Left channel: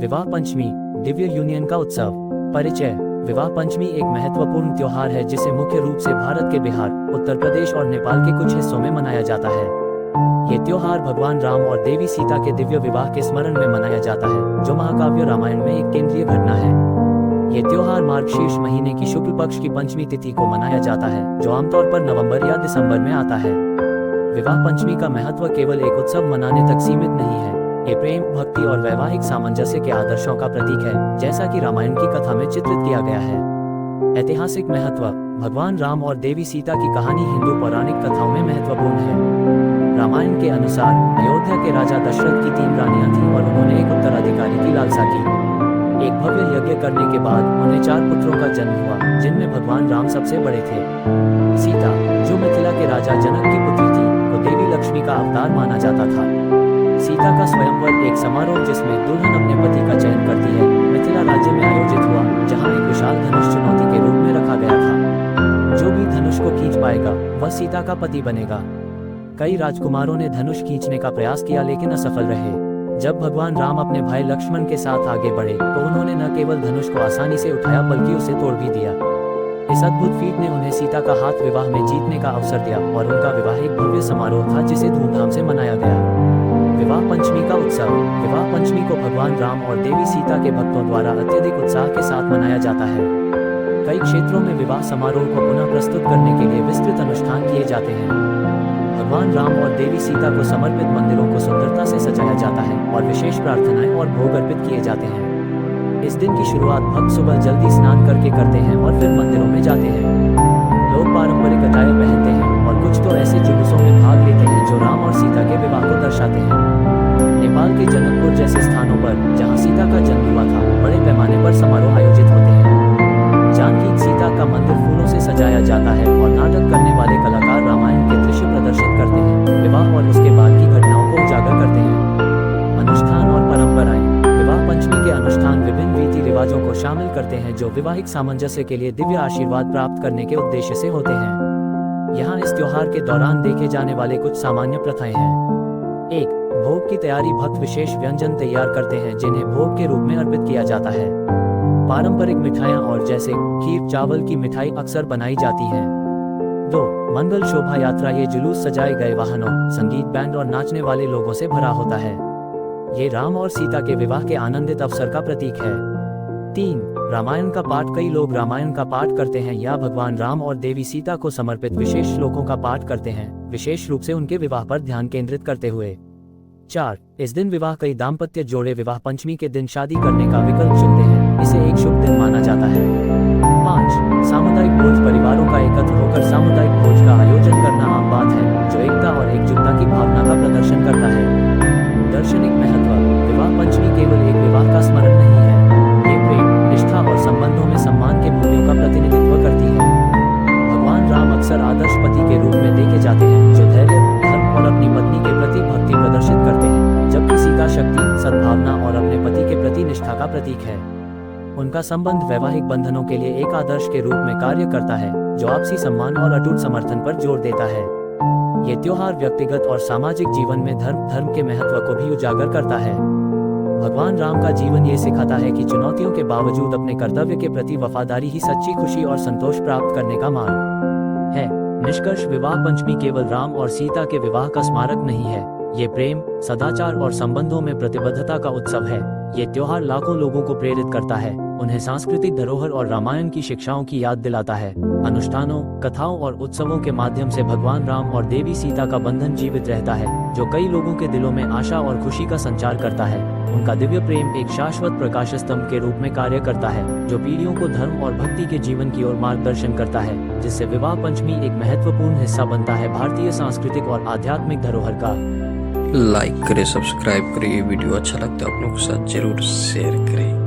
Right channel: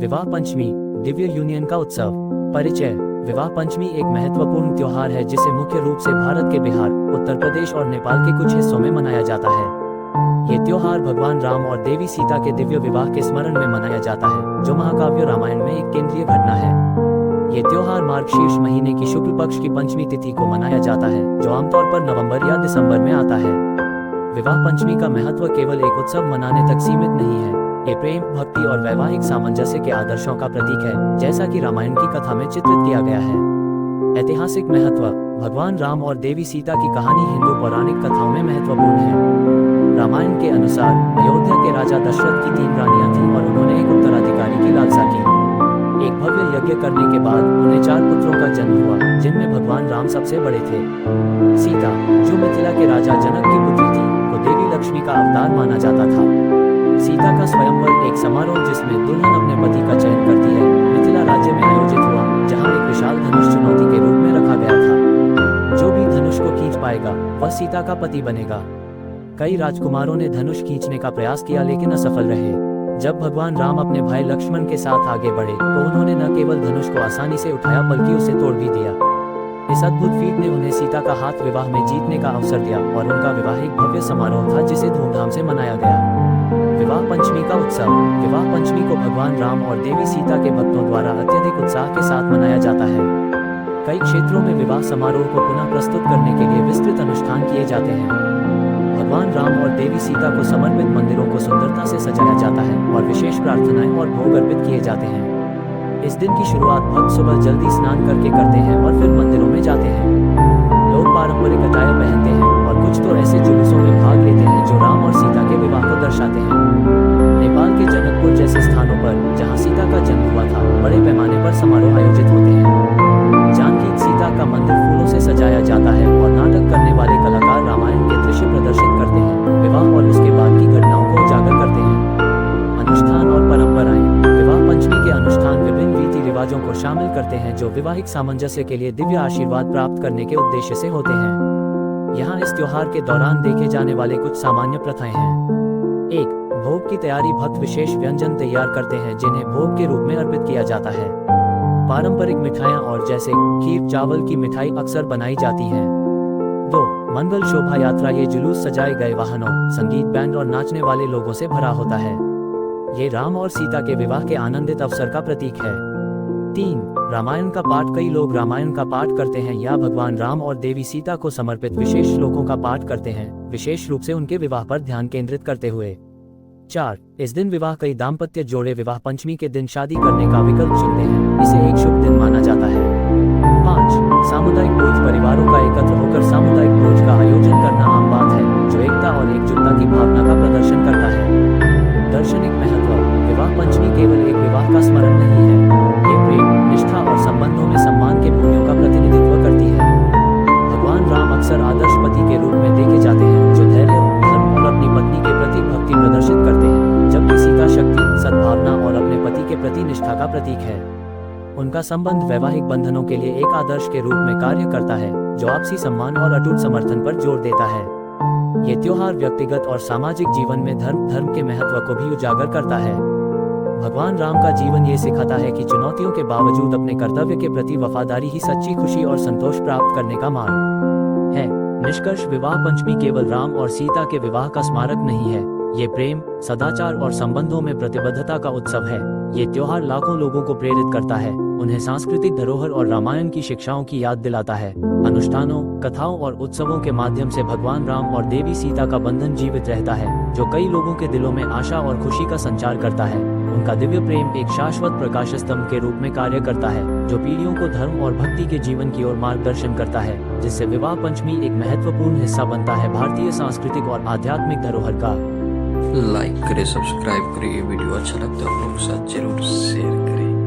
विवाह पंचमी, दिव्य यूनियन का उत्सव। परिचय। विवाह पंचमी एक महत्वपूर्ण त्योहार है जिसे मुख्य रूप से भारत के बिहार, उत्तर प्रदेश और नेपाल के कुछ हिस्सों में मनाया जाता है। ये त्योहार भगवान राम और देवी सीता के दिव्य विवाह के स्मरण में मनाया जाता है, जो महाकाव्य रामायण में एक केंद्रीय घटना है। ये त्योहार मार्गशीर्ष महीने की शुक्ल पक्ष की पंचमी तिथि को मनाया जाता है, जो आमतौर पर नवंबर या दिसंबर में आता है। विवाह पंचमी का महत्व केवल एक उत्सव मनाने तक सीमित नहीं है। ये प्रेम, भक्ति और वैवाहिक सामंजस्य के आदर्शों का प्रतीक है, जैसा कि रामायण की कथा में चित्रित किया गया है। ऐतिहासिक महत्व। भगवान राम और देवी सीता की कहानी हिंदू पौराणिक कथाओं में महत्वपूर्ण है। रामायण के अनुसार अयोध्या के राजा दशरथ की 3 रानियां थीं और उन्होंने एक उत्तराधिकारी की लालसा की। एक भव्य यज्ञ करने के बाद उन्हें 4 पुत्रों का जन्म हुआ, जिनमें भगवान राम सबसे बड़े थे। सीता, जो मिथिला के राजा जनक की पुत्री थी, को देवी लक्ष्मी का अवतार माना जाता था। सीता का स्वयंवर, एक समारोह जिसमें दुल्हन अपने पति का चयन करती है, मिथिला राज्य में आयोजित हुआ, जहां एक विशाल धनुष चुनौती के रूप में रखा गया था। जो भी धनुष को खींच पाएगा, वह सीता का पति बनेगा। कई राजकुमारों ने धनुष खींचने का प्रयास किया लेकिन असफल रहे। जब भगवान राम अपने भाई लक्ष्मण के साथ आगे बढ़े तो उन्होंने न केवल धनुष को आसानी से उठाया बल्कि उसे तोड़ भी दिया। इस अद्भुत फीट ने उन्हें सीता का हाथ विवाह में जीतने का अवसर दिया और उनका विवाह एक भव्य समारोह था जिसे धूमधाम से मनाया गया। विवाह पंचमी का उत्सव। विवाह पंचमी को भगवान राम और देवी सीता के भक्तों द्वारा अत्यधिक उत्साह के साथ मनाया जाता है। कई क्षेत्रों में विवाह समारोह को पुनः प्रस्तुत करने के लिए विस्तृत अनुष्ठान किए जाते हैं। भगवान राम और देवी सीता को समर्पित मंदिरों को सुंदरता से सजाया जाता है और विशेष प्रार्थनाएं और भोग अर्पित किए जाते हैं। इस दिन की शुरुआत भक्त सुबह जल्दी स्नान करके करते हैं और फिर मंदिरों में जाते हैं। लोग पारंपरिक अटायर पहनते हैं और कुछ तो ऐसे जुलूसों में भाग लेते हैं जो राम और सीता के विवाह को दर्शाते हैं। नेपाल के जनकपुर जैसे स्थानों पर, जहां सीता का जन्म हुआ था, बड़े पैमाने पर समारोह आयोजित होते हैं। जानकी सीता का मंदिर फूलों से सजाया जाता है और नाटक करने वाले कलाकार रामायण के दृश्य प्रदर्शित करते हैं, विवाह और उसके बाद की घटनाओं को उजागर करते हैं। अनुष्ठान और परंपराएं। विवाह पंचमी के अनुष्ठान विभिन्न रीति रिवाजों को शामिल करते हैं जो वैवाहिक सामंजस्य के लिए दिव्य आशीर्वाद प्राप्त करने के उद्देश्य से होते हैं। यहाँ इस त्योहार के दौरान देखे जाने वाले कुछ सामान्य प्रथाएं हैं। 1. भोग की तैयारी। भक्त विशेष व्यंजन तैयार करते हैं जिन्हें भोग के रूप में अर्पित किया जाता है। पारंपरिक मिठाइयाँ और जैसे खीर, चावल की मिठाई अक्सर बनाई जाती हैं। 2. मंगल शोभा यात्रा। ये जुलूस सजाए गए वाहनों, संगीत, बैंड और नाचने वाले लोगों से भरा होता है। ये राम और सीता के विवाह के आनंदित अवसर का प्रतीक है। 3. रामायण का पाठ। कई लोग रामायण का पाठ करते हैं या भगवान राम और देवी सीता को समर्पित विशेष श्लोकों का पाठ करते हैं, विशेष रूप से उनके विवाह पर ध्यान केंद्रित करते हुए। 4. इस दिन विवाह। कई दाम्पत्य जोड़े विवाह पंचमी के दिन शादी करने का विकल्प चुनते हैं, इसे एक शुभ दिन माना जाता है। 5. सामुदायिक भोज। परिवारों का एकत्र होकर सामुदायिक भोज का आयोजन करना आम बात है, जो एकता और एकजुटता की भावना का प्रदर्शन करता है। दार्शनिक महत्व। विवाह पंचमी केवल एक विवाह का स्मरण नहीं है, ये प्रेम, निष्ठा और संबंधों में सम्मान के मूल्यों का प्रतिनिधित्व करती है। भगवान राम अक्सर आदर्श पति के रूप में देखे जाते हैं, जो धैर्य, धर्म और अपनी पत्नी के प्रति भक्ति प्रदर्शित करते हैं, जबकि सीता शक्ति, सद्भावना और अपने पति के प्रति निष्ठा का प्रतीक है। उनका संबंध वैवाहिक बंधनों के लिए एक आदर्श के रूप में कार्य करता है, जो आपसी सम्मान और अटूट समर्थन पर जोर देता है। ये त्योहार व्यक्तिगत और सामाजिक जीवन में धर्म के महत्व को भी उजागर करता है। भगवान राम का जीवन ये सिखाता है कि चुनौतियों के बावजूद अपने कर्तव्य के प्रति वफादारी ही सच्ची खुशी और संतोष प्राप्त करने का मार्ग है। निष्कर्ष। विवाह पंचमी केवल राम और सीता के विवाह का स्मारक नहीं है, ये प्रेम, सदाचार और संबंधों में प्रतिबद्धता का उत्सव है। ये त्योहार लाखों लोगों को प्रेरित करता है, उन्हें सांस्कृतिक धरोहर और रामायण की शिक्षाओं की याद दिलाता है। अनुष्ठानों, कथाओं और उत्सवों के माध्यम से भगवान राम और देवी सीता का बंधन जीवित रहता है, जो कई लोगों के दिलों में आशा और खुशी का संचार करता है। उनका दिव्य प्रेम एक शाश्वत प्रकाश स्तंभ के रूप में कार्य करता है, जो पीढ़ियों को धर्म और भक्ति के जीवन की ओर मार्गदर्शन करता है, जिससे विवाह पंचमी एक महत्वपूर्ण हिस्सा बनता है भारतीय सांस्कृतिक और आध्यात्मिक धरोहर का। लाइक करें, सब्सक्राइब करें। ये वीडियो अच्छा लगता है आप लोगों के साथ जरूर शेयर करें।